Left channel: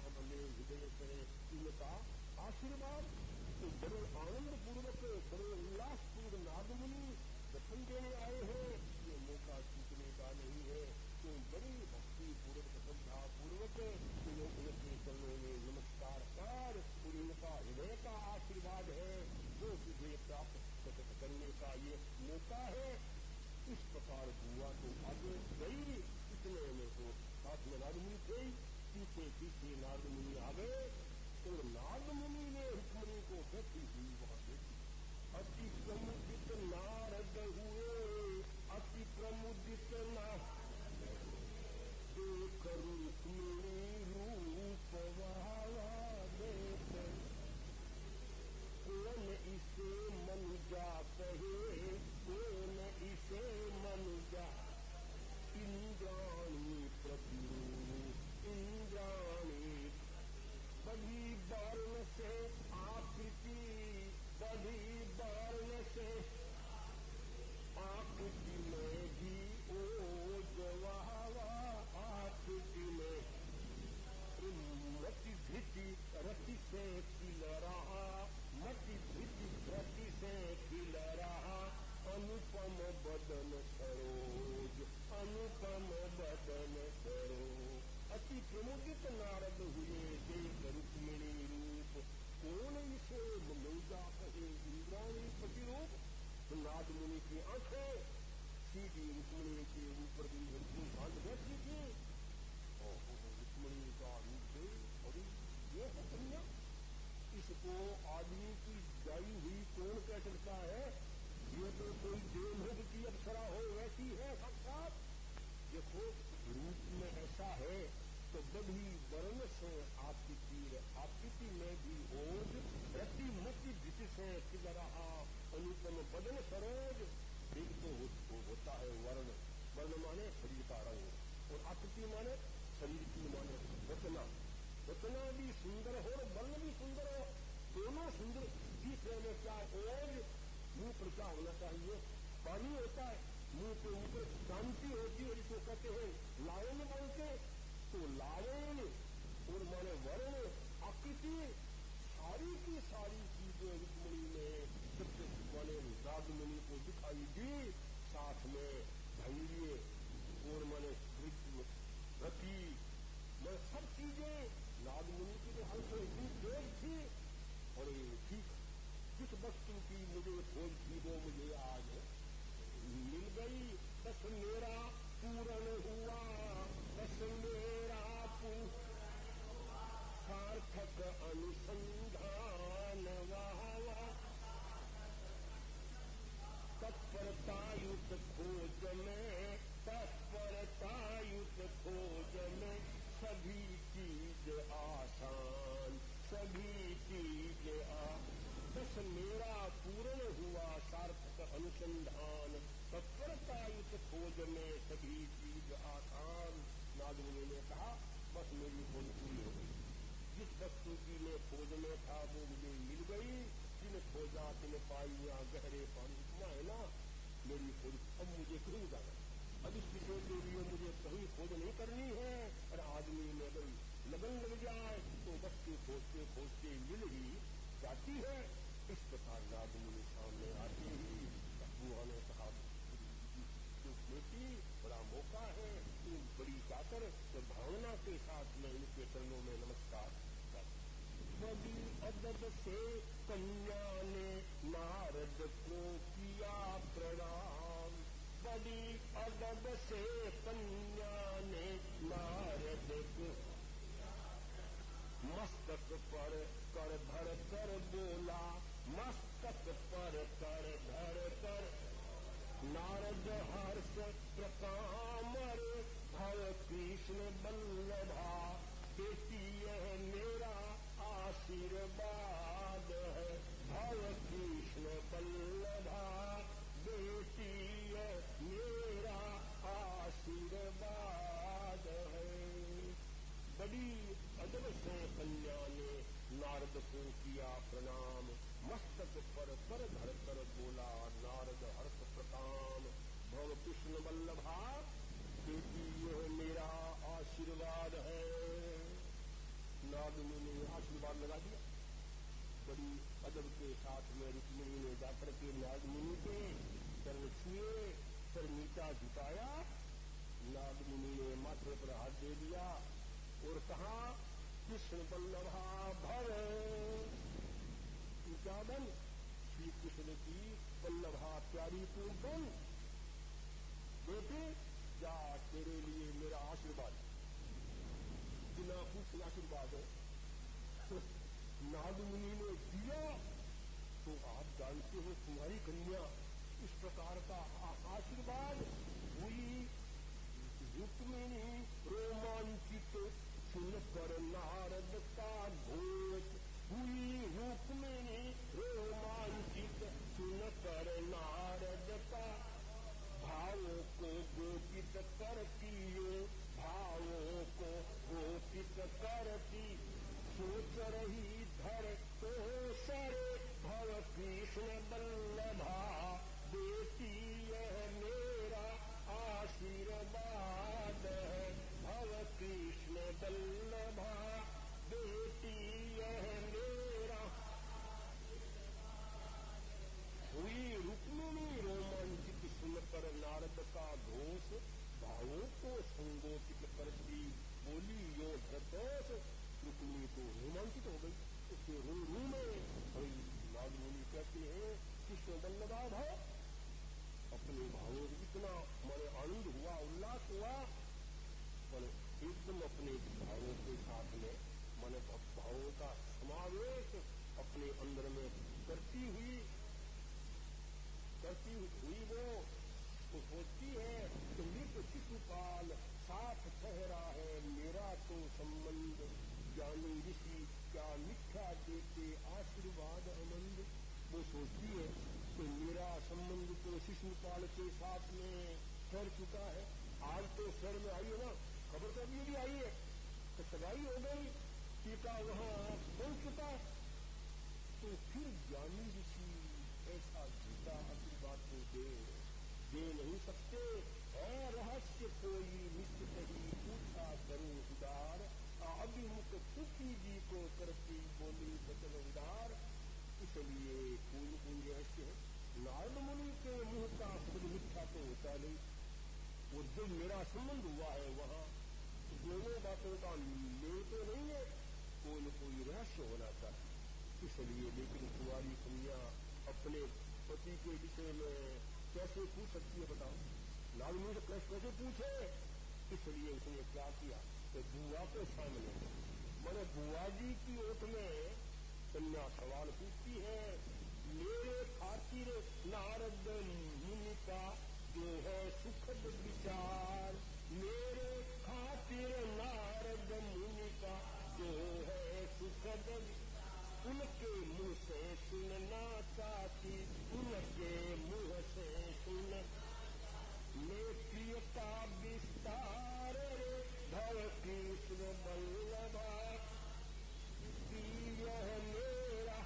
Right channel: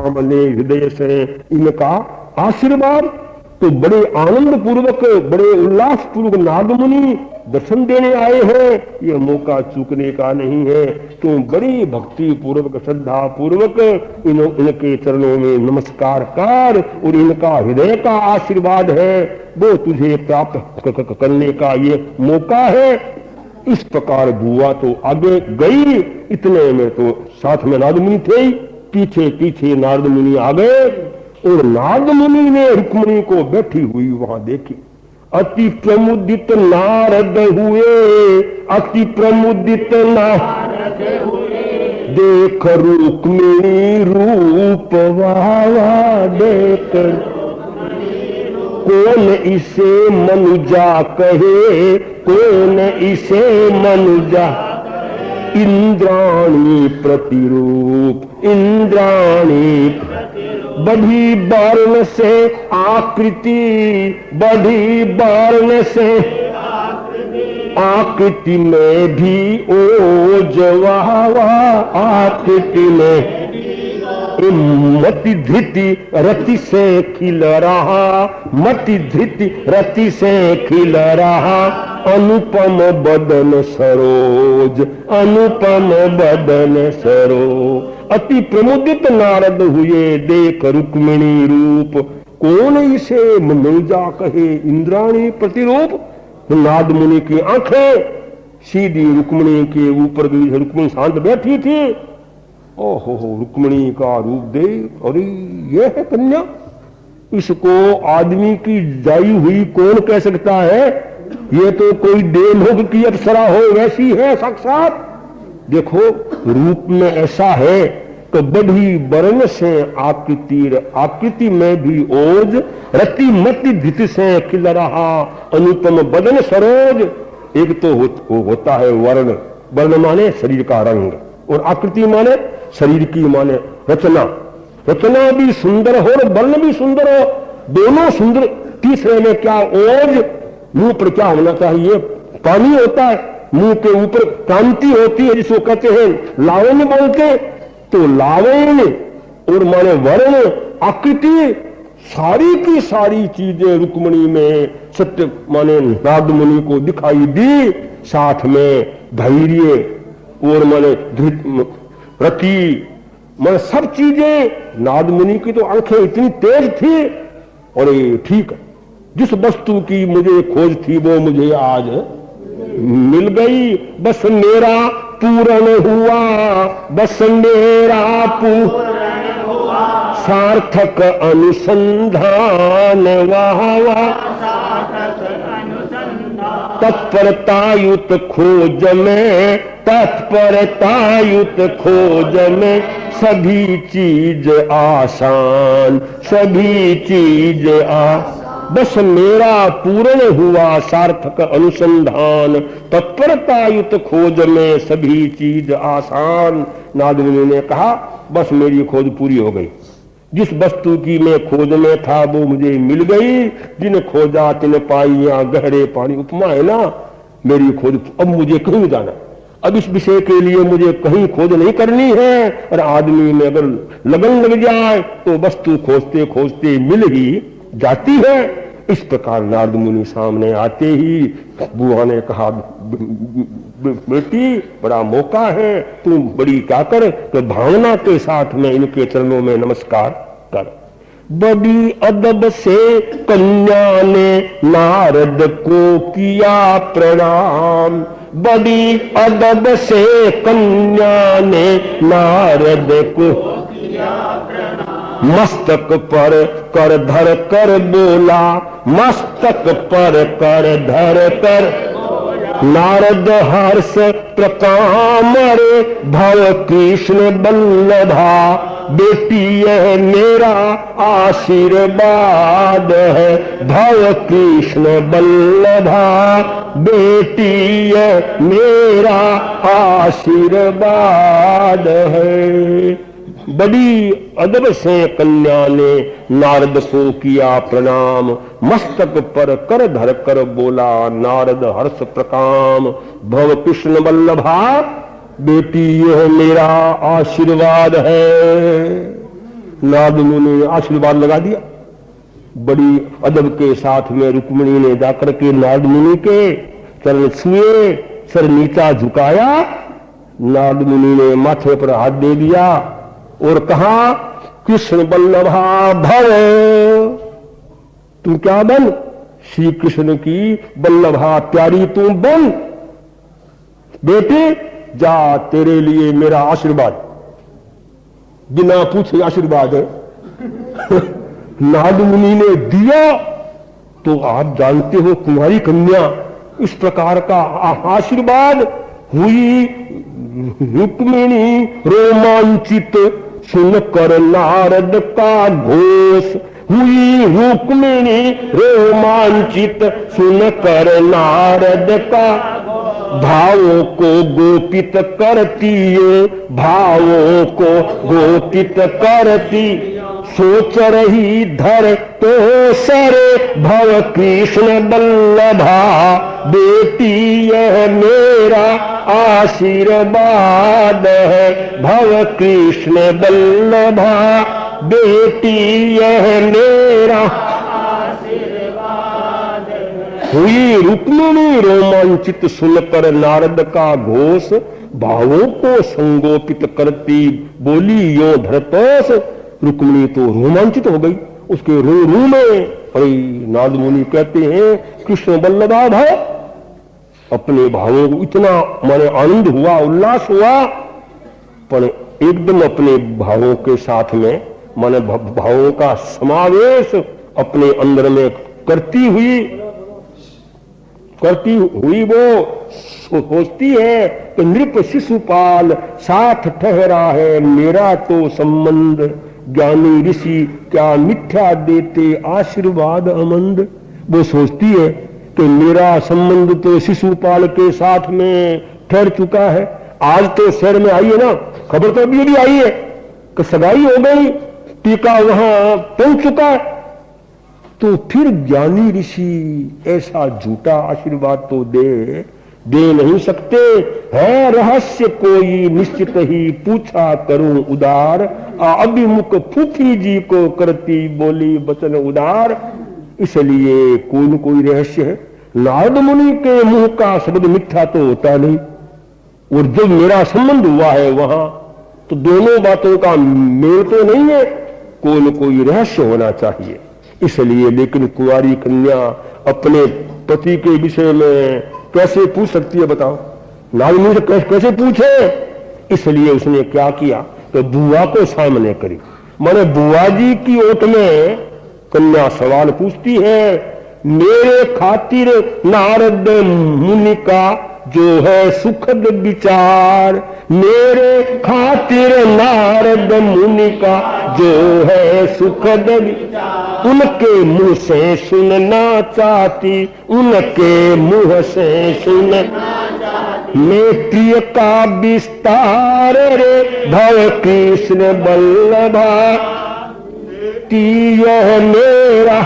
सामने हृदय से इनका आशीर्वाद। तो बड़े आनंद पूर्वक, बड़े उल्लास पूर्वक नारद मुनि दर्शन देने आए हैं, ये मौका चूकने का नहीं है। तो बड़ी भक्ति पूर्वक, श्रद्धा पूर्वक इनके चरणों में नमस्कार कर, और इनका हृदय का आशीर्वाद है, वो तुझे प्राप्त करने का ये मौका है। इस प्रकार बुआ तो आगे गई, इतने में तो साथ में नारद मुनि थे, पीछे पीछे नारद मुनि आ गए, और नारद मुनि ने रुक्मिणी को बैठी हुई वहां देखी। अति प्रमुदित नारद हुए, अति प्रमुदित नारद हुए, देख रुक्मिणी रूप वावा देख, कौन इसे मनुजा कहे, कौन इसे मनुजा, इंद्राणी प्रतिरूप, इंद्राणी बढ़ी वर्ण से आकृति, बढ़ी वर्ण से आकृति में भी ओज वावा, आकृति में मति धृति रति से खिल रहा, मति धृति रति से खिल रहा, अनुपम बदन सरोज, अनुपम बदन सरोज। अति प्रमुदित नारद हुए, देख रुक्मिणी रूप, कौन इसे मनुजा कहे, इंद्राणी प्रतिरूप। नारद मुनि की आंखें सीधी रुक्मिणी के ऊपर गई। रुक्मिणी शांत बैठी थी। ओहो, रुक्मिणी का रूप देख, अरे ये है कन्या, इसको आदमी की जाई हुई कौन कह सकता है, ये तो कोई देवलोक की अप्सरा हो वैसी है साक्षात। देखो रूप में ऐसा है तो बढ़ी वर्ण से आकृति, आकृति में भी ओज, रति मति धित से खिल रहा, अनुपम बदन सरोज। एक तो होता है वर्ण, वर्ण माने शरीर का रंग, और आकृति माने शरीर की माने रचना, रचना भी सुंदर हो और वर्ण भी सुंदर हो, दोनों सुंदर। तीसरे में क्या ओज, मुंह पर क्या होना चाहिए, पानी होता है, मुंह के ऊपर कांति होती है जिसको कहते हैं लावण्य बोलते। तो लावण्य और माने वर्ण, आकृति, सारी की सारी चीजें रुक्मिणी में सत्य माने नारद मुनि को दिखाई दी। साथ में धैर्य और माने रति, माने सब चीजें। नारद मुनि की तो आंखें इतनी तेज थी, और ठीक जिस वस्तु की मुझे खोज थी वो मुझे आज मिल गई। बस मेरा पूर्ण हुआ, बस मेरा पूर्ण हुआ, सार्थक अनुसंधान वाह वाह, तत्परतायुत खोज में, तत्परतायुत खोज में, सभी चीज आसान, सभी चीज आसान। बस मेरा पूर्ण हुआ सार्थक अनुसंधान, तत्परतायुत खोज में सभी चीज आसान। नारद मुनि ने कहा बस मेरी खोज पूरी हो गई, जिस वस्तु की मैं खोज में था वो मुझे मिल गई। जिन खोजा तिन पाइया गहरे पानी, उपमा है ना मेरी खोज। अब मुझे कहीं जाना, अब इस विषय के लिए मुझे कहीं खोज नहीं करनी है। और आदमी में अगर लगन लग जाए तो वस्तु खोजते खोजते मिल ही जाती है। इस प्रकार नारद मुनि सामने आते ही बुआ ने कहा बेटी बड़ा मौका है, तुम बड़ी क्या कर, तो भावना के साथ में इनके चरणों में नमस्कार कर। बड़ी अदब से कन्या ने नारद को किया प्रणाम, बड़ी अदब से कन्या ने नारद को किया प्रणाम। मस्तक पर कर धर कर बोला, मस्तक पर कर धर कर नारद हर्ष प्रकामर, भव कृष्ण बल्लभा। बेटी यह मेरा आशीर्वाद है, भव कृष्ण बल्लभा। बेटी यह मेरा आशीर्वाद है। बड़ी अदब से कन्या ने नारद को किया प्रणाम, मस्तक पर कर धर कर बोला नारद हर्ष प्रकाम। भव कृष्ण वल्लभा, बेटी यह मेरा आशीर्वाद है। नारद मुनि ने आशीर्वाद लगा दिया। बड़ी अदब के साथ में रुक्मिणी ने जाकर के नारद मुनि के चरण छुए, सर नीचा झुकाया। नारद मुनि ने माथे पर हाथ दे दिया और कहा, कृष्ण बल्लभा भव, तू क्या बन? श्री कृष्ण की बल्लभा प्यारी तू बन। बेटे जा, तेरे लिए मेरा आशीर्वाद। बिना पूछे आशीर्वाद है। नारद मुनि ने दिया तो आप जानते हो कुमारी कन्या इस प्रकार का आशीर्वाद हुई। रुक्मिणी रोमांचित सुनकर नारद का घोष, हुई रुक्मिणी रोमांचित सुनकर नारद का, भावों को गोपित करती है, भावों को गोपित करती, सोच रही धर तो सरे भव कृष्ण बल्लभा, बेटी यह मेरा आशीर्वाद है, भव कृष्ण बल्लभा, बेटी यह मेरा आशीर्वाद है। हुई रुक्मिणी रोमांचित सुनकर नारद का घोष, भावों को संगोपित करती बोली यो धरतोष। रुक्मिणी तो रोमांचित हो गई, उसके रू रू में पड़ी। नारद मुनि कहते हैं कृष्ण बल्लभा भव, अपने भावों को इतना माने आनंद हुआ, उल्लास हुआ, पर एकदम अपने भावों के साथ में माने भावों का समावेश अपने अंदर में करती हुई वो सोचती है कि नृप शिशुपाल साथ ठहरा है मेरा तो संबंध, ज्ञानी ऋषि क्या मिथ्या देते आशीर्वाद अमंद। वो सोचती है कि मेरा संबंध तो शिशुपाल के साथ में ठहर चुका है। आज तो शहर में आई है ना, खबर तो अभी आई है कि सगाई हो गई, टीका वहां पहुंच चुका है। तो फिर ज्ञानी ऋषि ऐसा झूठा आशीर्वाद तो दे नहीं सकते। है रहस्य कोई निश्चित ही पूछा करूं उदार, अभिमुख फूफी जी को करती बोली वचन उदार। इसलिए कोई न कोई रहस्य है। नारद मुनि के मुंह का शब्द मिथ्या तो होता नहीं, और जब मेरा संबंध हुआ है वहां तो दोनों बातों का मेल तो नहीं है, कोई न कोई रहस्य होना चाहिए। इसलिए लेकिन कुंवारी कन्या अपने पति के विषय में कैसे पूछ सकती है बताओ? नारद मुनि से कैसे पूछे? इसलिए उसने क्या किया तो बुआ को सामने करी। माने बुआ जी की ओट में कन्या सवाल पूछती है, मेरे खातिर नारद मुनि का जो है सुखद विचार, मेरे खातिर नारद मुनि का जो है सुखद विचार, उनके मुंह से सुनना चाहती, उनके मुंह से सुनना चाहती, मैं प्रिय का विस्तार रे भव कृष्ण बल्लभा, यह मेरा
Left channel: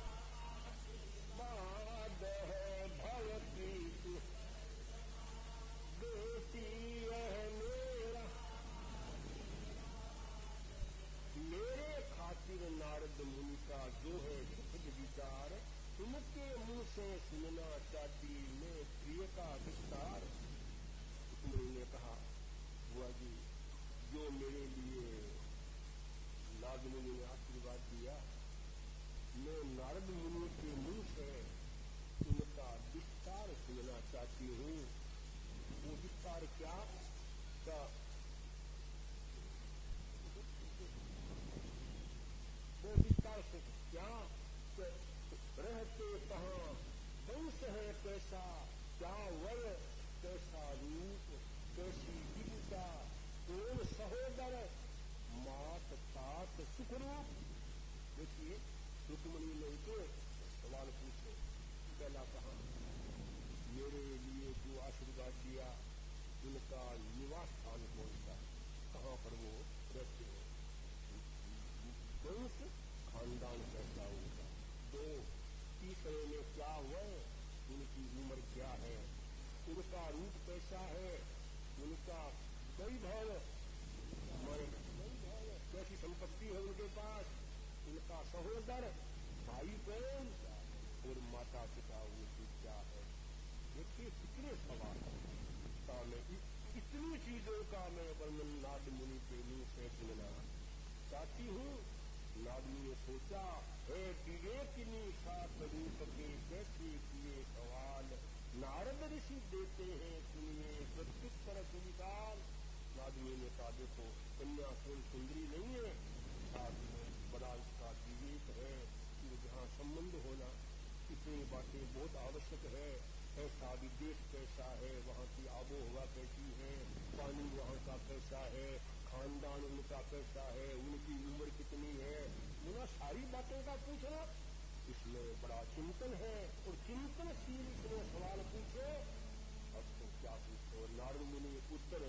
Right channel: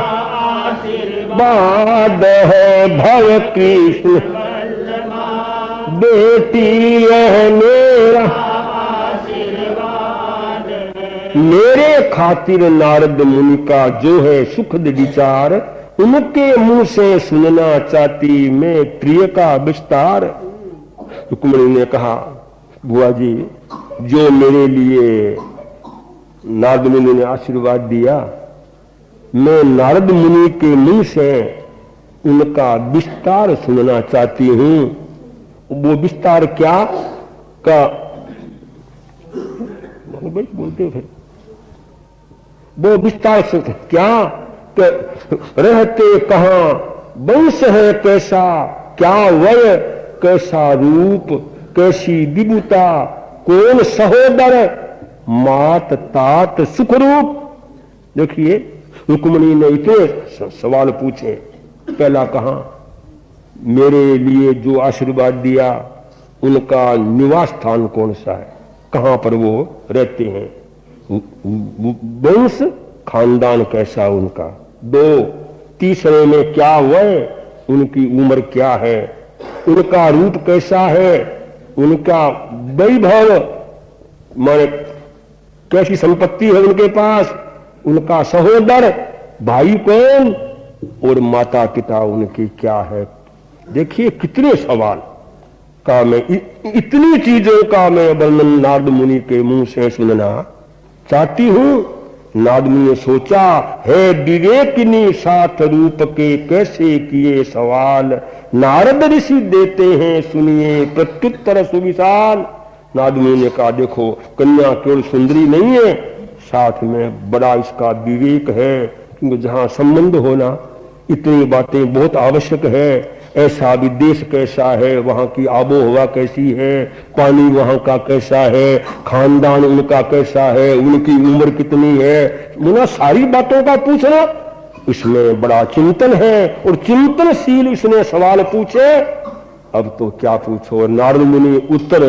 आशीर्वाद है भव कृष्ण, बेटी यह मेरा आशीर्वाद है। मेरे खातिर नारद मुनि का जो है सुखद विचार, उनके मुंह से सुनना चाहती मैं प्रिय का विस्तार। रुक्मिणी ने कहा, बुआ जी जो मेरे लिए नारद मुनि ने आशीर्वाद दिया, मैं नारद मुनि के मुंह से उनका विस्तार सुनना चाहती हूं। वो विस्तार क्या का बोलते फिर वो विस्तार से क्या रहते कहां, वंश है कैसा, क्या वय कैसा रूप, कैसी विभुता, कौन सहोदर, मात तात सुख रूप। देखिए रुक्मिणी ने इतने सवाल पूछे। पहला कहा मेरे लिए जो आशीर्वाद दिया उनका निवास स्थान कौन सा है, कहां पर वो रहते हैं, वंश खानदान कैसा उनका। दो, तीसरे में क्या वय, उनकी उम्र क्या है, उनका रूप कैसा है, उनका वैभव माने कैसी संपत्ति है उनके पास, उनका सहोदर भाई कौन और माता पिता उनकी क्या है। देखिए कितने सवाल का मैं इतनी चीजों का मैं वर्णन नारद मुनि के मुंह से सुनना चाहती हूं। नारद मुनि ने सोचा, है विवेकिनी साथ रूप के कैसे किए सवाल, नारद ऋषि देते हैं सुनिए प्रत्युत्तर सुविशाल। नारद मुनि ने कहा, देखो कन्या केवल सुंदरी नहीं है, साथ में बड़ा इसका विवेक है, क्योंकि जहां संबंध होना इतनी बातें बहुत आवश्यक है। ऐसा भी देश कैसा है, वहां की आबो हवा कैसी है, पानी वहां का कैसा है, खानदान उनका कैसा है, उनकी उम्र कितनी है, मुना सारी बातों का पूछना इसमें बड़ा चिंतन है। और चिंतनशील इसने सवाल पूछे। अब तो क्या पूछो, नारद मुनि उत्तर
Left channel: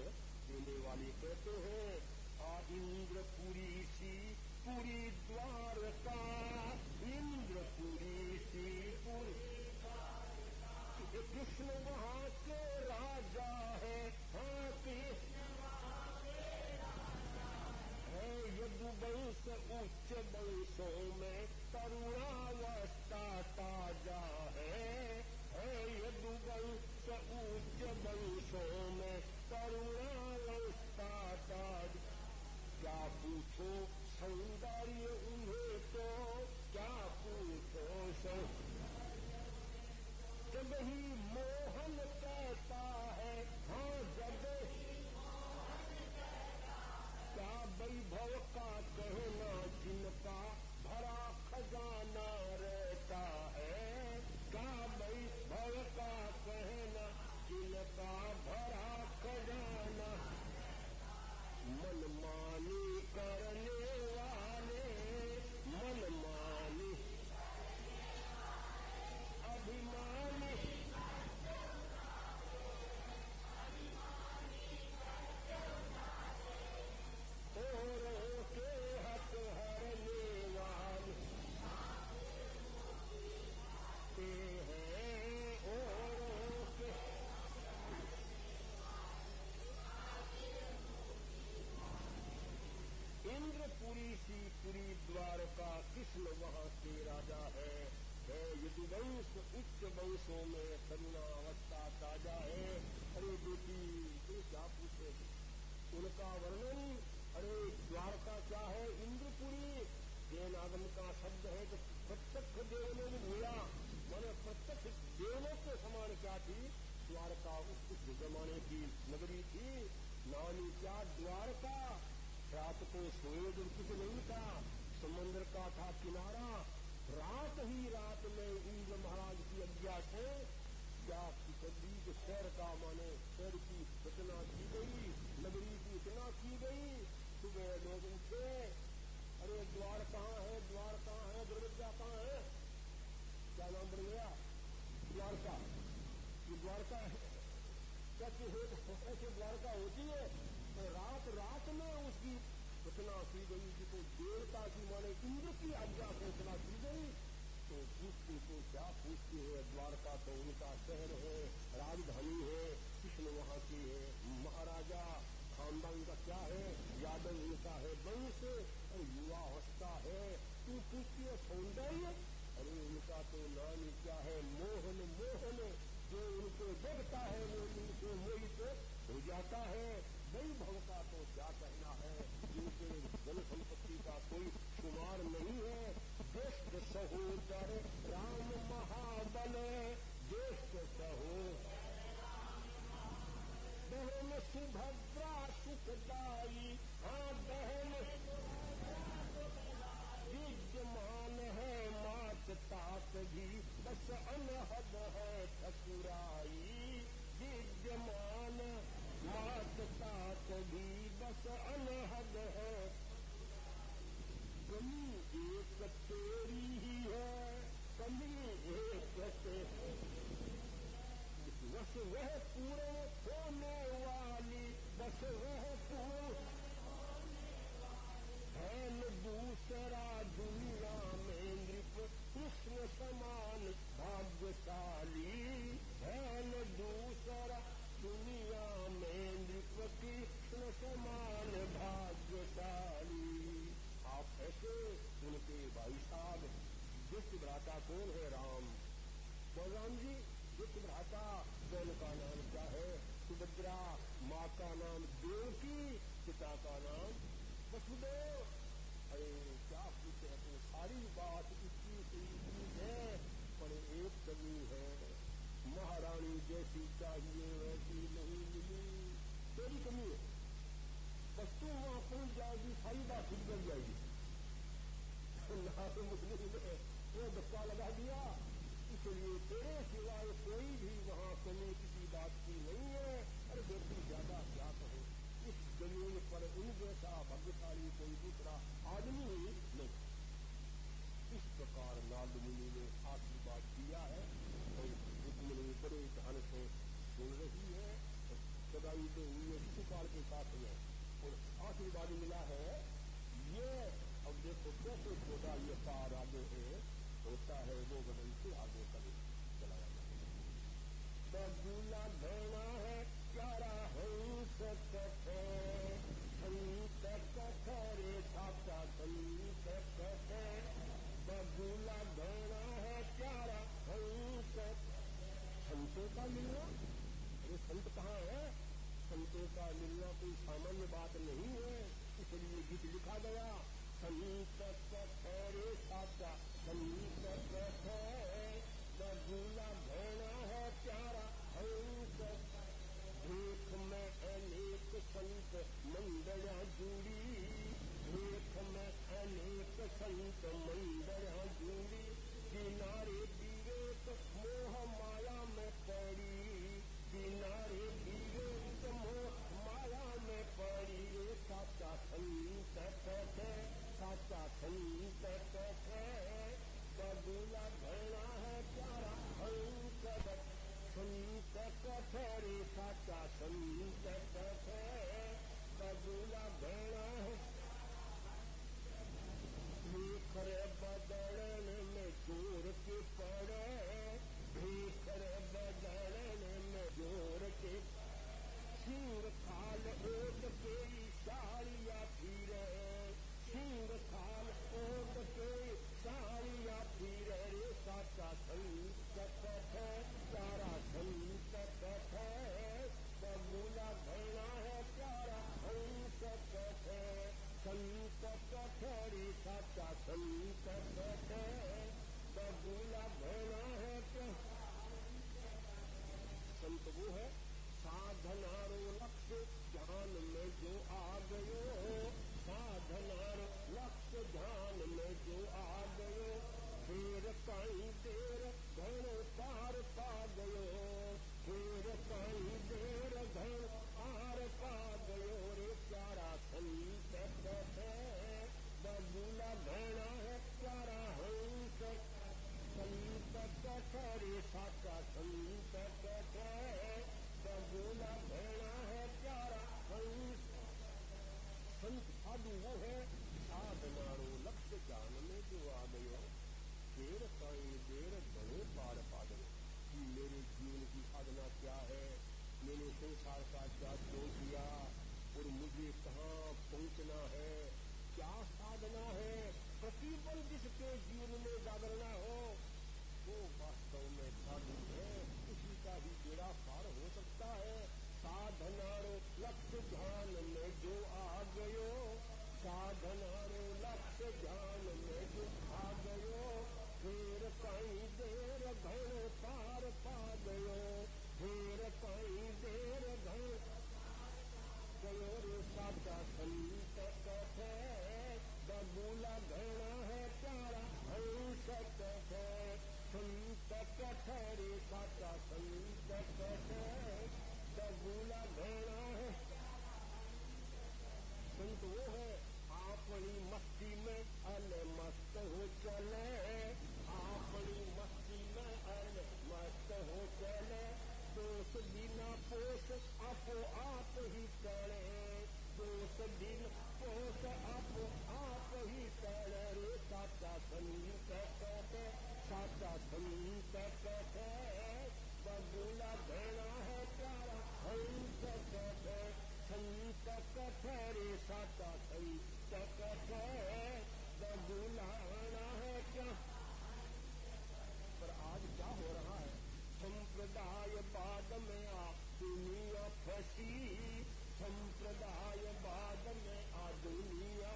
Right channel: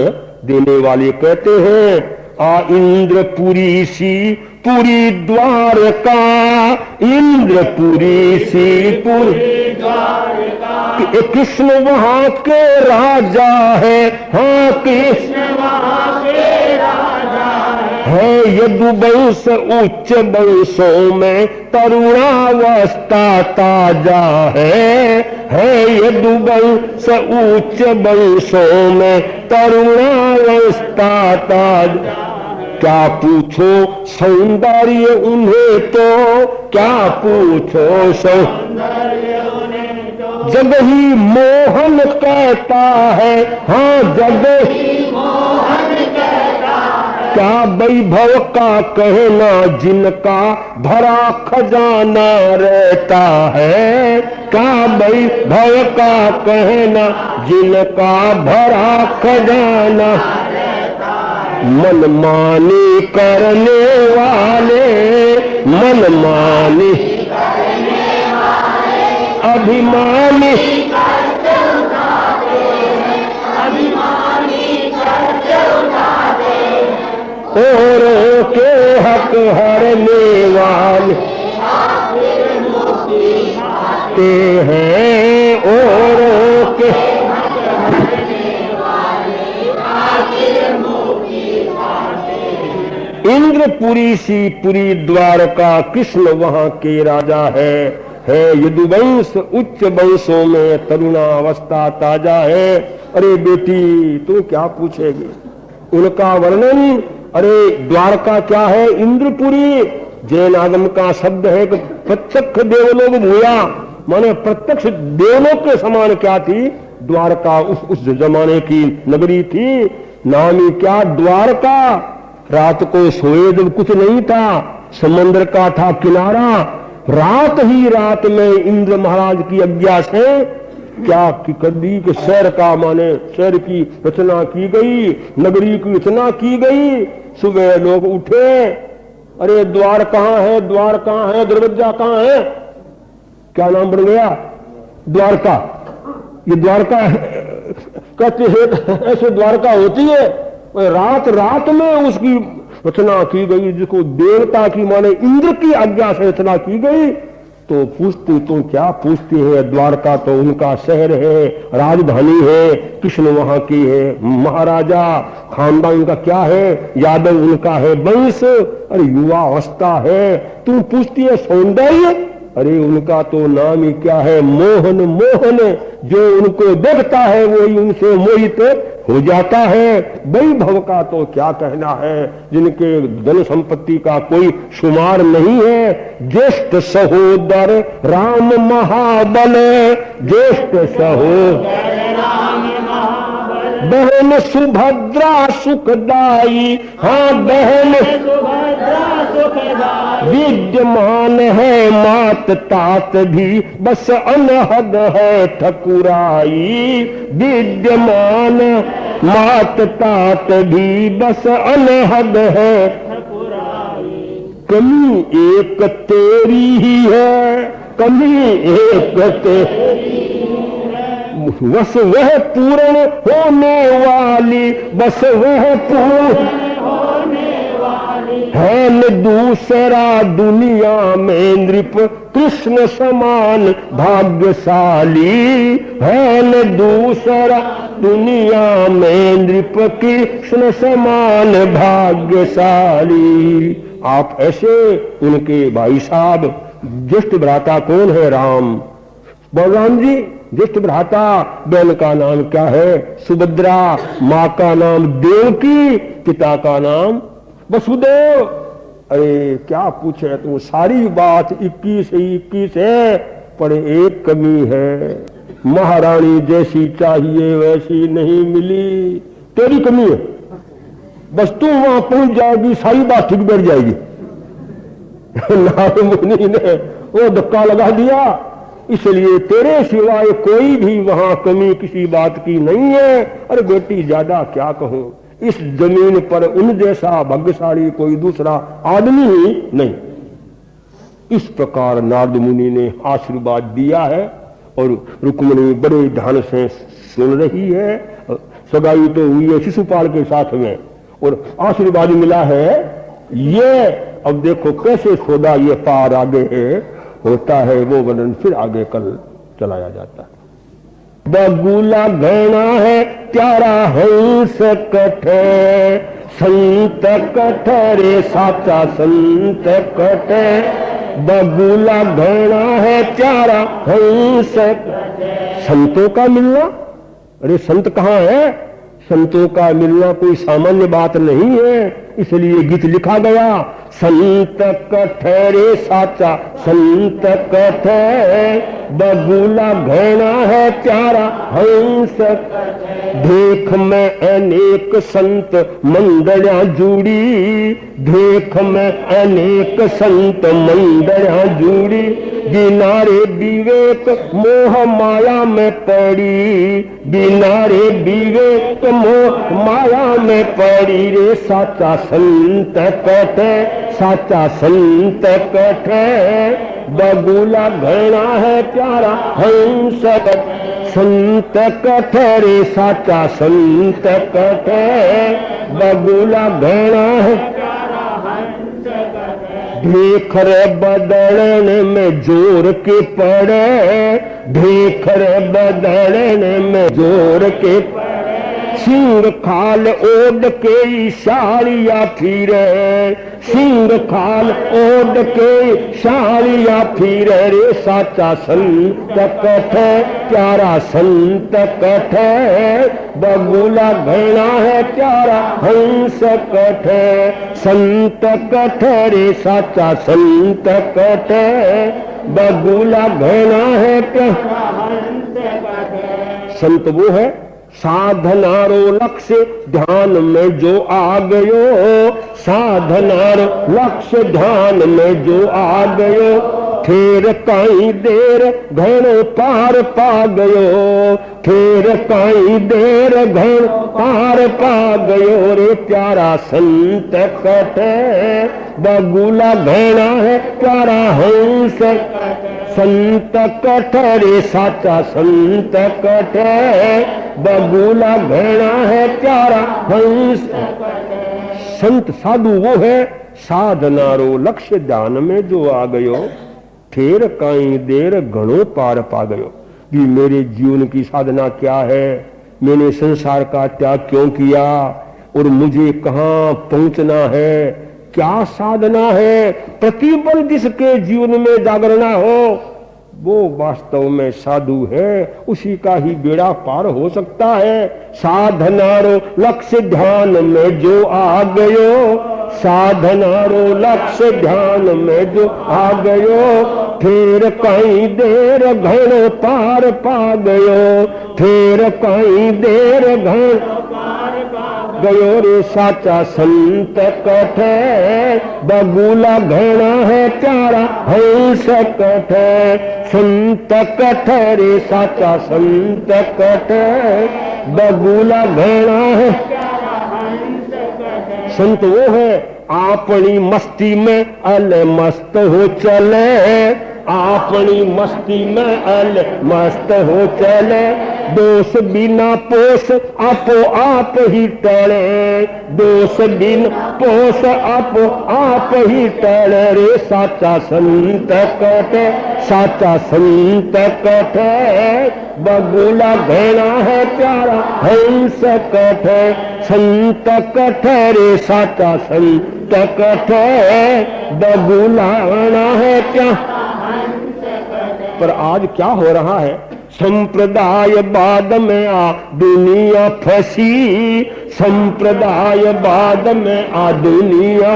देने वाले कहते हैं, आ इंद्रपुरी सी पुरी द्वारका, इंद्रपुरी सी पुरी द्वारका, कृष्ण वहां के राजा है, हाँ कृष्ण वहां के राजा है, यदुवंश उच्च वंशों में तरुणावस्था ताजा है यदुवंश उच्च वंशों में तरुणावस्था ताजा। क्या पूछो सौंदर्य उन्हें तो, क्या पूछो सौंदर्य उन्हें तो, जग ही मोहन कहता है, हाँ जग ही मोहन कहता है, क्या वैभव का कहना जिनका भरा खजाना रहता है, क्या वैभव का कहना जिनका भरा खजाना, मनमानी करने वाले, मनमानी अभिमानी औरों के हक हरने वाले ते हैं, औरों के इंद्रपुरी सी पुरी द्वारका, कृष्ण वहां के राजा है यदुवंश उच्च वंशों में तरुणावस्था ताजा है। अरे बेटी तू क्या पूछेगी, उनका वर्णन। अरे द्वारका क्या है, इंद्रपुरी जैन आगम का शब्द है कि प्रत्यक्ष देवलोक भूया, माने प्रत्यक्ष देवलोक के समान क्या थी द्वारका, उस जमाने की नगरी थी। नामी क्या द्वारका, रात को सोए जब कुछ नहीं था, समुद्र का था किनारा, रात ही रात में इंद्र महाराज की आज्ञा से क्या कर दी कि शहर का माने शहर की रचना की गई, नगरी की रचना की गई। सुबह लोग उठे, अरे द्वार कहाँ है, द्वार कहाँ है, दरवाजा कहाँ है, क्या नाम बन गया द्वारका। ये द्वारका कहते हैं ऐसे द्वारका होती है, रात रात में उसकी रचना की गई, जिसको देवता की माने इंद्र की आज्ञा से रचना की गई। तो पूछते तो क्या पूछते हैं, द्वारका तो उनका शहर है, राजधानी है, कृष्ण वहां की है, महाराजा, खानदान उनका क्या है, यादव उनका है वंश, अरे युवा अवस्था है। तुम पूछती है सौंदर्य, अरे उनका तो नाम ही क्या है, मोहन। मोहन जो उनको देखता है वही उनसे मोहित हो जाता है। वैभव का तो क्या कहना है, जिनके धन संपत्ति का कोई शुमार नहीं है। ज्येष्ठ सहोदर राम महाबल, ज्येष्ठ सहोदर बहन सुभद्रा सुखदाई, हाँ बहन विद्यमान है मात तात भी, बस अनहद है ठकुराई। विद्यमान मात तात भी, बस अनहद है ठकुराई। कमी एक तेरी ही है, कमी एक तेरी, बस वह पूर्ण होने वाली, बस वह पूर्ण है न दूसरा दुनिया में नृप कृष्ण समान भाग्यशाली, है न दूसरा दुनिया में नृप कृष्ण समान भाग्यशाली। आप ऐसे उनके भाई साहब। ज्येष्ठ भ्राता कौन है? राम। बलराम जी ज्येष्ठ भ्राता। बहन का नाम क्या है? सुभद्रा। माँ का नाम देवकी, पिता का नाम वसुदेव। अरे क्या पूछे तू, सारी बात 21 ही 21 है, पर एक कमी है, महारानी जैसी चाहिए वैसी नहीं मिली। तेरी कमी है, बस तू वहां पहुंच जाएगी, सारी बात ठीक बैठ जाएगी। नारद मुनि ने वो धक्का लगा दिया, इसलिए तेरे सिवाय कोई भी वहां कमी किसी बात की नहीं है। अरे बेटी ज्यादा क्या कहूं, इस जमीन पर उन जैसा भाग्यशाली कोई दूसरा आदमी ही नहीं। इस प्रकार नारद मुनि ने आशीर्वाद दिया है और रुक्मिणी बड़े ध्यान से सुन रही है। सगाई तो हुई है शिशुपाल के साथ में और आशीर्वाद मिला है। ये अब देखो कैसे सौदा ये पार आगे होता है, वो वर्णन फिर आगे कल चलाया जाता है। बगुला घना है प्यारा हंस कठे, संत कठरे साचा संत कठे। बगुला घना है प्यारा हंस। संतों का मिलना, अरे संत कहाँ है? संतों का मिलना कोई सामान्य बात नहीं है, इसलिए गीत लिखा गया, संत कठरे साचा संत कठे। बगुला घना है प्यारा हंस। देख में अनेक संत मंडलियां जुड़ी, देख में अनेक संत मंडलियां जुड़ी। बिना रे विवेक मोह माया में पड़ी, बिना रे विवेक मोह माया में पड़ी रे। साचा संत कठे, साचा संत कठे। बगुला घना है प्यारा हंस। संत कठरे साचा संत कठे। बगुला घना है प्यारा हंस। देख रे बदलने में जोर के पड़े, देख रे बदलने में जोर के पड़े। सिंह खाल ओढ़ के साड़िया फिरे, सिंह खाल ओढ़ के साड़िया फिरे रे। साचा संत कठे, प्यारा संत कठे। बगुला घना है प्यारा हंस कठे। संत कठे रे साचा संत कठे। बगुला घना है प्यारा हंस कठे। संत वो है साधनारो लक्ष्य ध्यान में जो आ गयो, साधनारो लक्ष्य ध्यान में जो आ गयो। फिर कई देर घण पार पा गयो, फिर कई देर घण पार पा गयो रे। प्यारा संत कठे। बगुला घना है प्यारा हंस। संत कठरे साचा संत कठे। बगुला घना है प्यारा हंस। संत साधु वो है साधनारो लक्ष्य ध्यान में जो आ गयो, फिर कई देर घणो पार पा गयो। कि मेरे जीवन की साधना क्या है, मैंने संसार का त्याग क्यों किया और मुझे कहाँ पहुंचना है, क्या साधना है। प्रतिबल जिसके जीवन में जागरणा हो वो वास्तव में साधु है, उसी का ही बेड़ा पार हो सकता है। साधनारो लक्ष्य ध्यान में जो आ गयो, साधनारो लक्ष्य ध्यान में जो आ गयो। फिर कई देर घण पार पा गयो, फिर कई देर घण पार पा गयो रे। साचा संत कठे। बगुला घना है प्यारा हंस कठे। संत कठरे साचा संत कठे। बगुला घना है प्यारा हंस कठे। संत वो है अपनी मस्ती में अल मस्त हो चले, अपनी मस्ती में अल मस्त हो चले। दोष बिना पोष आपो आप ही टले, दोष बिना पोष आपो आप ही टले रे। साचा संत कठे, साचा संत कठे। बगुला घना है प्यारा हंस कठ संत कठ रे साचा संत कठ बगुला घना है प्यारा। पर आज क्या हो रहा है, संप्रदाय बाद में आ दुनिया फंसी, संप्रदाय बाद में आ दुनिया,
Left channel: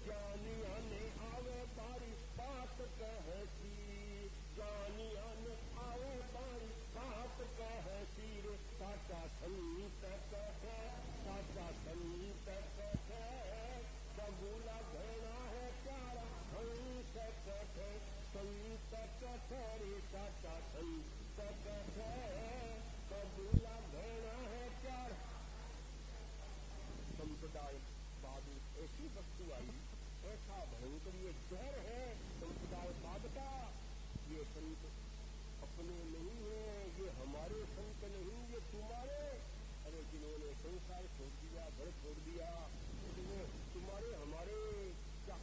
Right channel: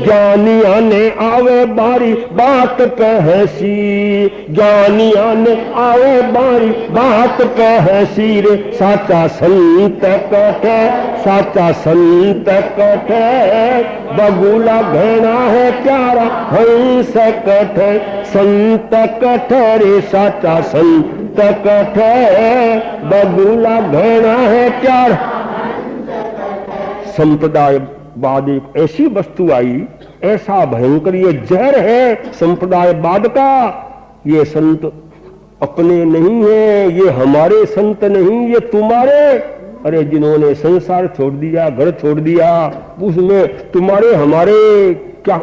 ज्ञानिया ने आवे बारी बात पे हंसी, ज्ञानिया ने आवे बारी बात पे हंसी रे साचा संत कटे, साचा संत कटे बगुला घना है प्यारा हंस कटे संत कटे रे साचा संत कटे बगुला घना है प्यारा। संप्रदायवाद एक ऐसी वस्तु आई, ऐसा भयंकर ये जहर है संप्रदायवाद का। ये संत अपने नहीं है, ये हमारे संत नहीं, ये तुम्हारे। अरे जिन्होंने संसार छोड़ दिया, घर छोड़ दिया, उसमें तुम्हारे हमारे क्या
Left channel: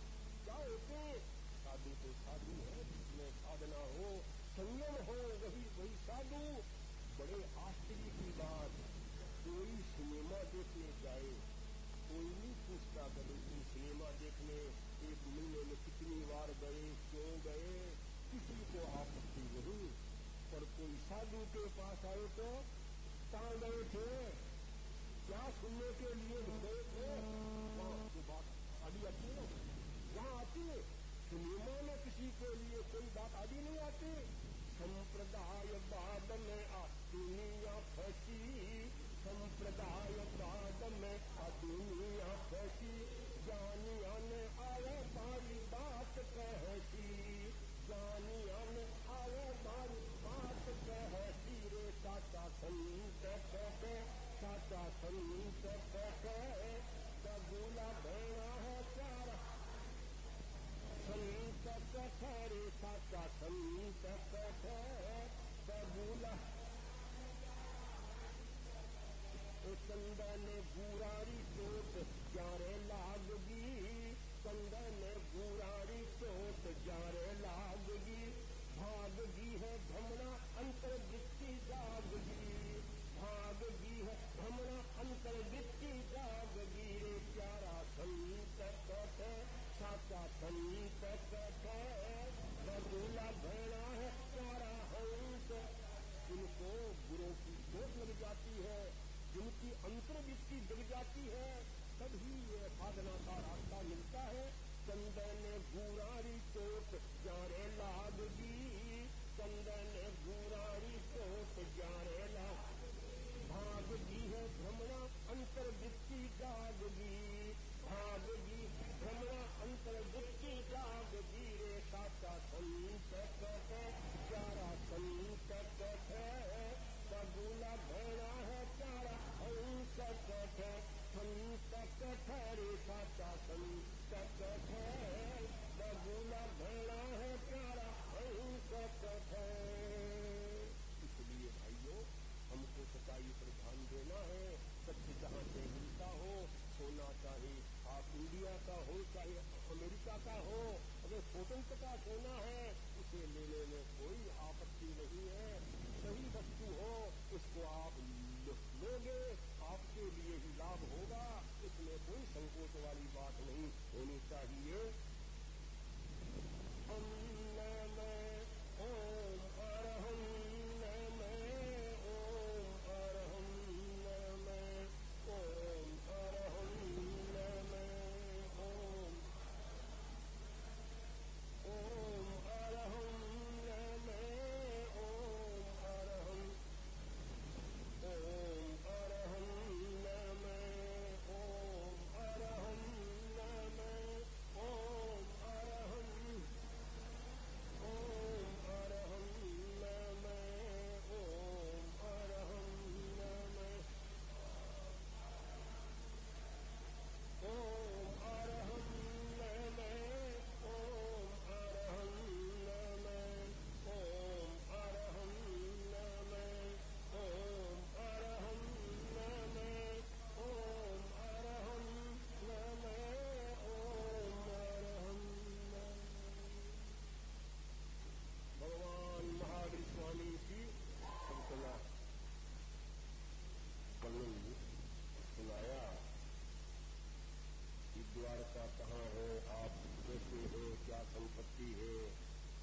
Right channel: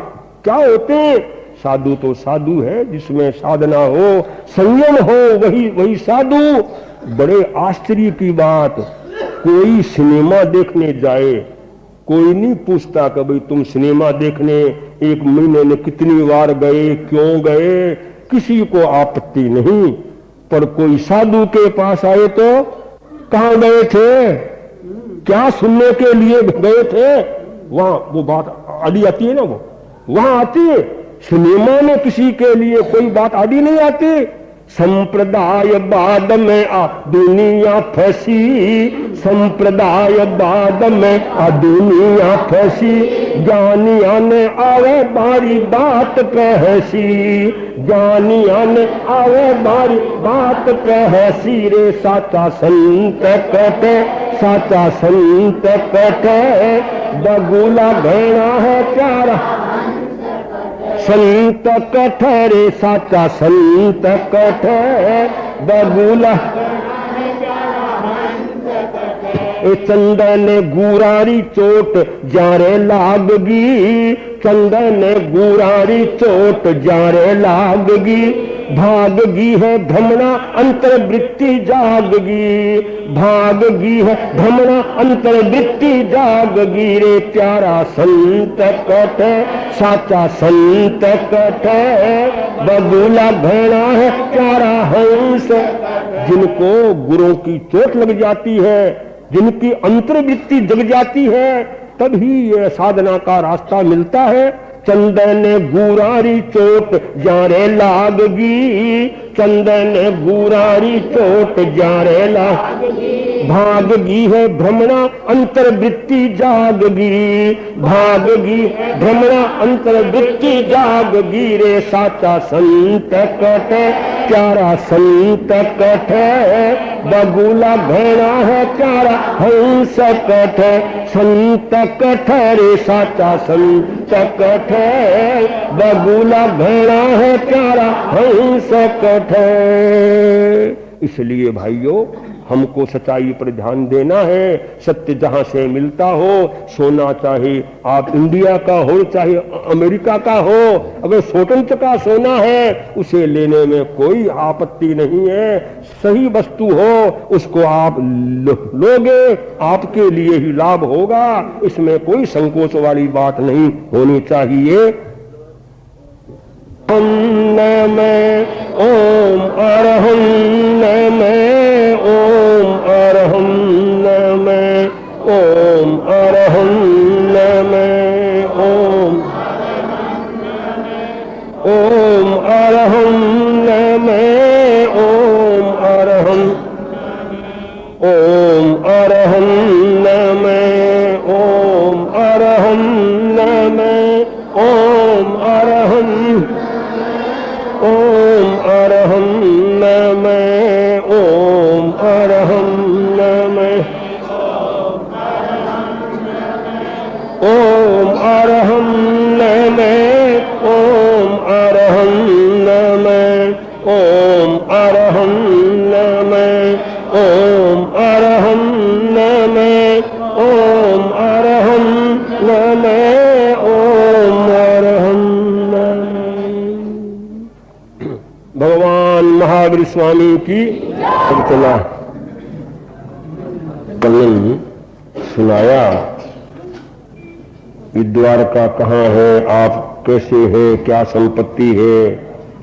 क्या होते? साधु तो साधु है, जिसमें साधना हो, संयम हो, वही साधु। बड़े आश्चर्य की बात, कोई सिनेमा देखने जाए, कोई नहीं पूछता कि भाई तुम सिनेमा देखने एक महीने में कितनी बार गए, क्यों गए, किसी को आपत्ति नहीं। पर कोई साधु के पास आए तो कहां गए थे, क्या सुनने के लिए गए थे, वहां वो बात आड़ी आती है ना, वो वहां आती है। सिनेमा में किसी के लिए कोई बात आड़ी नहीं आती। संप्रदाय बाद में आ दुनिया फंसी, संप्रदाय बाद में आ दुनिया फंसी, ज्ञानिया ने आवे बारी बात पे हंसी, ज्ञानिया ने आवे बारी बात पे हंसी रे साचा संत कटे, साचा संत कटे बगुला घना है प्यारा संत कठ रे साचा संत कठ बगुला। चंदन गुरारी चोट जारे लागगी, चंदन गुरारी चोट जारे लागगी, भागगी है भ्रमणा अंतर्वृत्ति जागगी, भागगी है भ्रमणा अंतर्वृत्ति जागगी रे प्यारा संत कठ, साचा संत कठ बगुला घना है प्यारा हंस। जिनको गुरुओं की चोट लग जाती है, जिनकी अंतर्वृत्ति जग जाती है, तभी ये साधना का रास्ता मिलता है। चंदन गुरारी चोट जारे लागगी, चंदन गुरारी चोट जारे लागगी, भागगी है भ्रमणा अंतर्वृत्ति जागगी, भागगी भ्रमणा अंतर्वृत्ति जागगी रे साचा संत कठ, प्यारा संत कठ बगुला घना है प्यारा हंस कठ, संत कठ रे साचा संत कठ बगुला घना है प्यारा हंस कठ। इसलिए भाइयों, हमको सच्चाई पर ध्यान देना है। सत्य जहां से मिलता हो, सोना चाहे आप इंडिया का हो चाहे अमेरिका का हो, अगर स्वतंत्र का सोना है उसे लेने में कोई आपत्ति नहीं है। सही वस्तु हो उसको आप लोगे, आपके लिए ही लाभ होगा, इसमें कोई संकोच वाली बात नहीं होनी चाहिए। में ओम अरहं में ओम अरहं में ओम अरहं में ओम ओम अरहं में ओम अरहं ओम अरहं में ओम अरहं में ओम अरहं ओम अरहं में ओम अरहं में ओम अरहं में ओम अरहं में ओम अरहं में ओम अरहं में ओम अरहं में ओम अरहं सागर स्वामी की। चला कल सुनाया कि द्वारका कहाँ है, आप कैसे है, क्या संपत्ति है,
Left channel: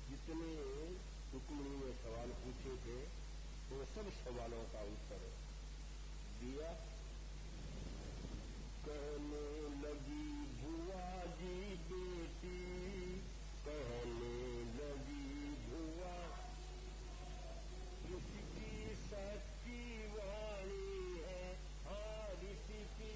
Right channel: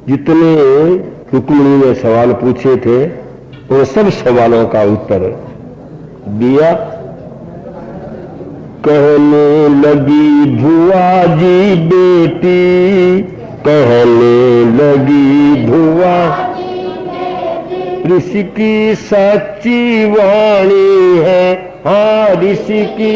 जितने रुक्मिणी ने सवाल पूछे थे वो सब सवालों का उत्तर दिया। कहने लगी भुआ जी बेटी, कहने लगी भुआ ऋषि की सच्ची वाणी है, हाँ ऋषि की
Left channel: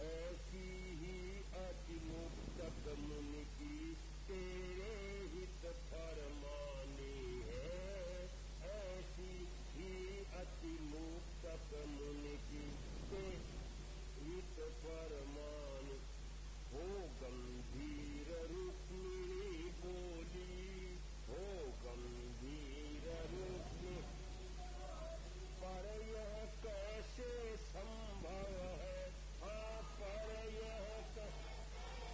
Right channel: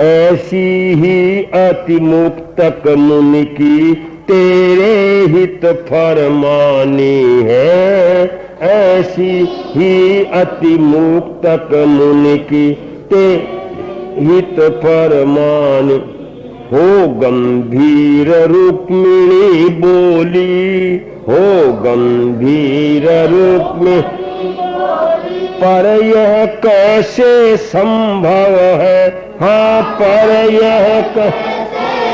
ऐसी ही अति मुक्तक मुनि की तेरे हित फरमानी है, ऐसी ही अति मुक्तक मुनि की तेरे हित फरमानी। हो गंभीर रुक्मिणी बोली, हो गंभीर रुक्मिणी पर यह कैसे संभव है, हाँ पर यह कैसे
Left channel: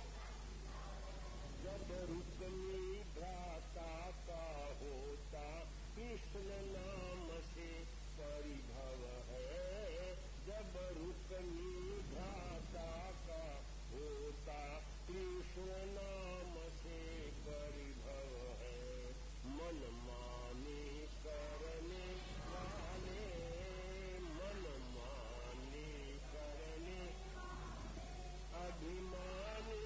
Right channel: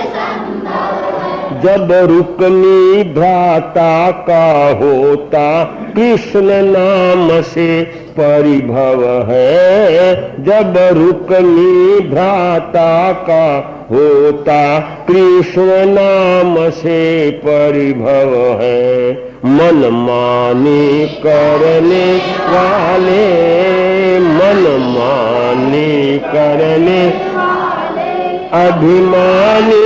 संभव है, जब रुक्मी भ्राता का होता कृष्ण नाम से परिभव है, जब रुक्मी भ्राता का होता कृष्ण नाम से परिभव है। मन मानी करने वाले, मन मानी करने अभिमानी,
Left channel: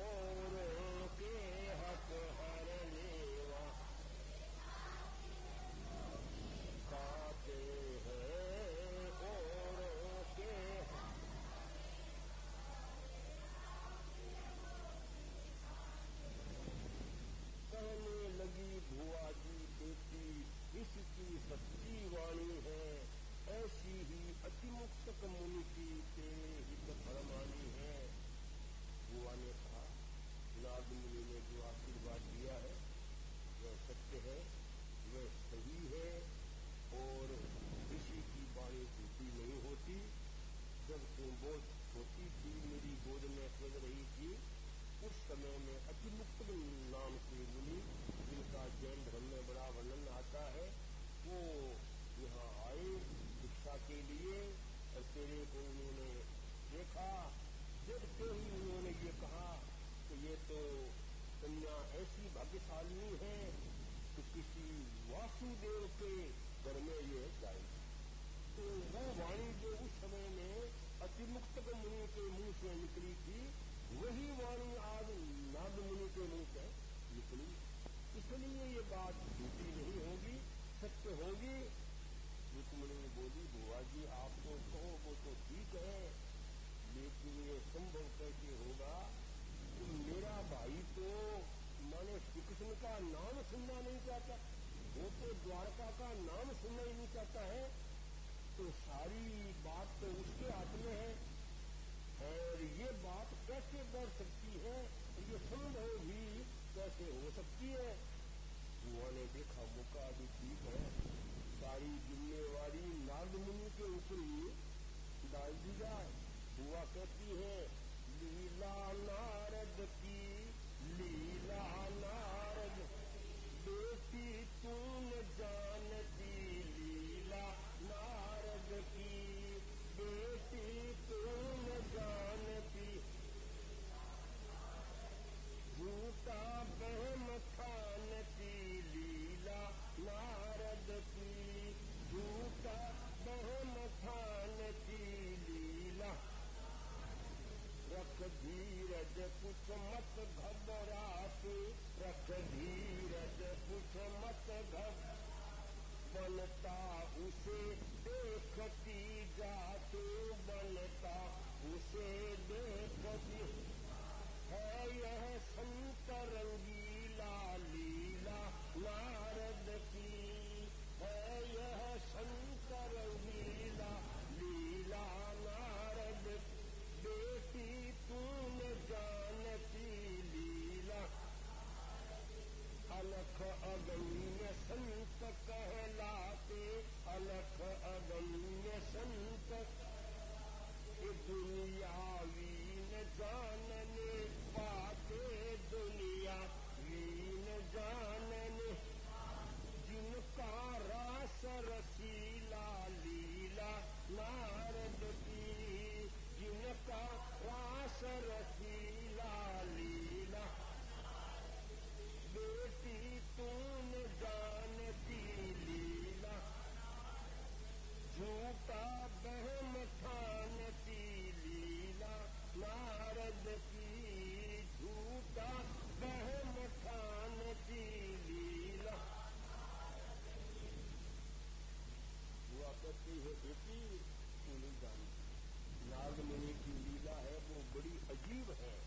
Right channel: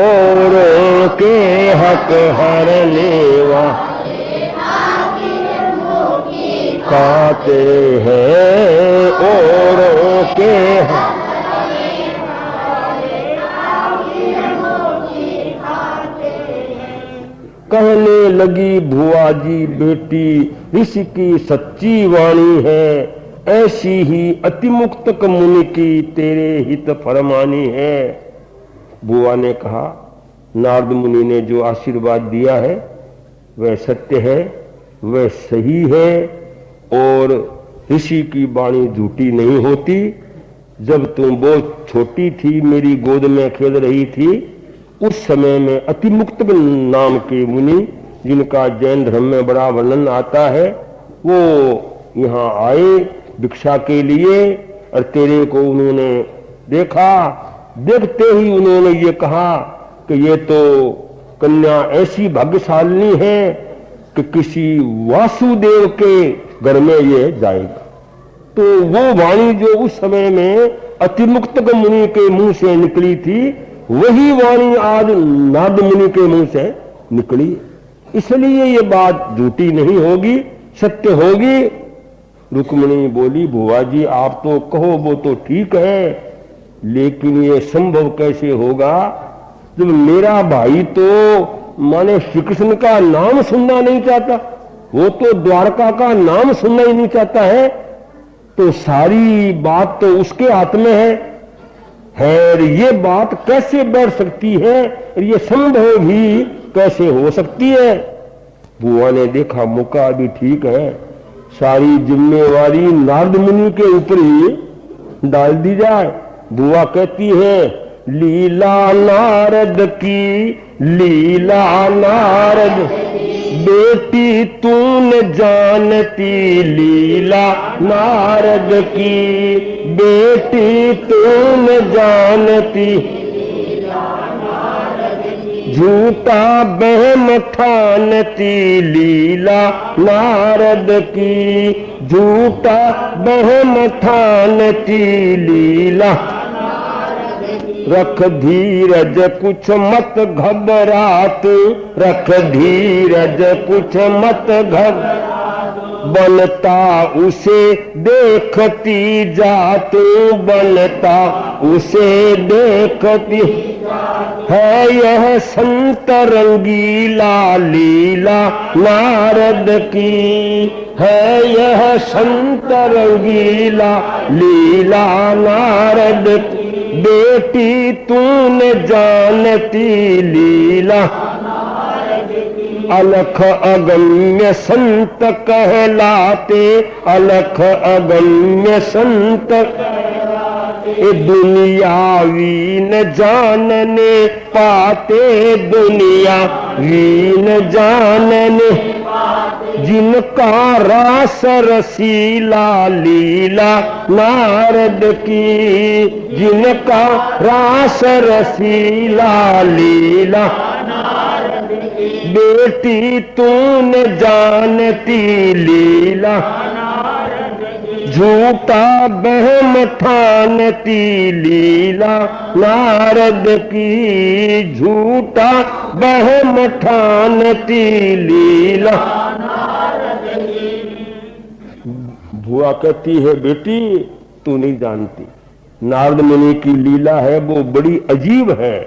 औरों के हक हरने वाले खाते हैं, औरों के हक। कहने लगी भुआ जी बेटी, ऋषि की सच्ची वाणी है, ऐसी ही अतिमुक्तक मुनि की तेरे हित फरमानी है। बुआ ने कहा नारद मुनि ने जो आशीर्वाद दिया है वह सत्य है, वह सही है, और ऋषि की वाणी झूठी नहीं होती। जब तुम बहुत छोटी थी, मेरी गोद में खेल रही थी, उस समय में अतिमुक्त नाम के मुनि, जिनका जैन धर्म में बड़ा वर्णन आता है, वो यहाँ आए भिक्षा के लिए, और तेरे को उन्होंने देखा। देखते ही उन्होंने ये कहा कि ये तो कन्या ऐसी भाग्यशालिनी है कि किसी वासुदेव के घर में ये जाएगा। तो वो वाणी जो उस समय में अतिमुक्त मुनि के मुंह से निकली थी, वही वाणी आज नारद मुनि के मुंह से निकली। इसलिए ये बात झूठी नहीं होगी, सत्य होगी। रुक्मिणी बोली बुआ जी आप तो कहो वो तो ठीक है, लेकिन ये संभव कैसे होगा जब मेरा भाई तो माने श्री कृष्ण का नाम सुनना नहीं चाहता, वो तो द्वारका का नाम सुनना ही नहीं चाहता है, तो सारी बात तो उसके हाथ में है। ये बात कैसे बैठ सकती है, ये संभव भी कैसे हो सकती है। बुआ ने देखा मौका भी ठीक है, सारी जिम्मेवारी नारद मुनि के ऊपर ही डाल दी जाए। बुआ कहती है लीला नारद की, लीला नारद बेटी तूने जानती, लीला नारद की बेटी तूने जानती, झूठा बहम ठानती, लीला नारद की झूठा बहम ठानती, लीला रख धीरज कुछ मत घबरात, रख धीरज कुछ मत घबरात, बनता उसे देखती जात, बनता उसे देखती है, यह संत रंगीला लीला नारद की, है यह संत रंगीला लीला नारद की, बेटी तूने जानती लीला, अलख अगम्य संत कहलाते, अलख अगम्य संत ये दुनियावी न जानने पाते, दुनियावी न जानने जिनका रास रसीला लीला नारद की, जिनका रास रसीला लीला बेटी तूने जानती लीला, झूठा बहम ठानती लीला नारद की, झूठा बहम ठानती लीला। बुआ कहती है बेटी तू नहीं जानती, नारद मुनि की लीला है वो बड़ी अजीब है,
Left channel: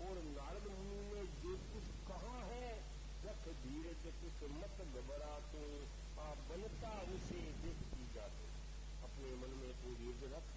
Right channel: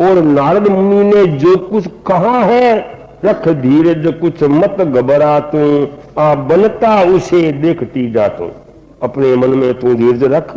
और नारद मुनि ने जो कुछ कहा है रख धीरज कुछ मत घबरा तू, आ बनता उसे देखती जा तू, अपने मन में तू धीरज रख।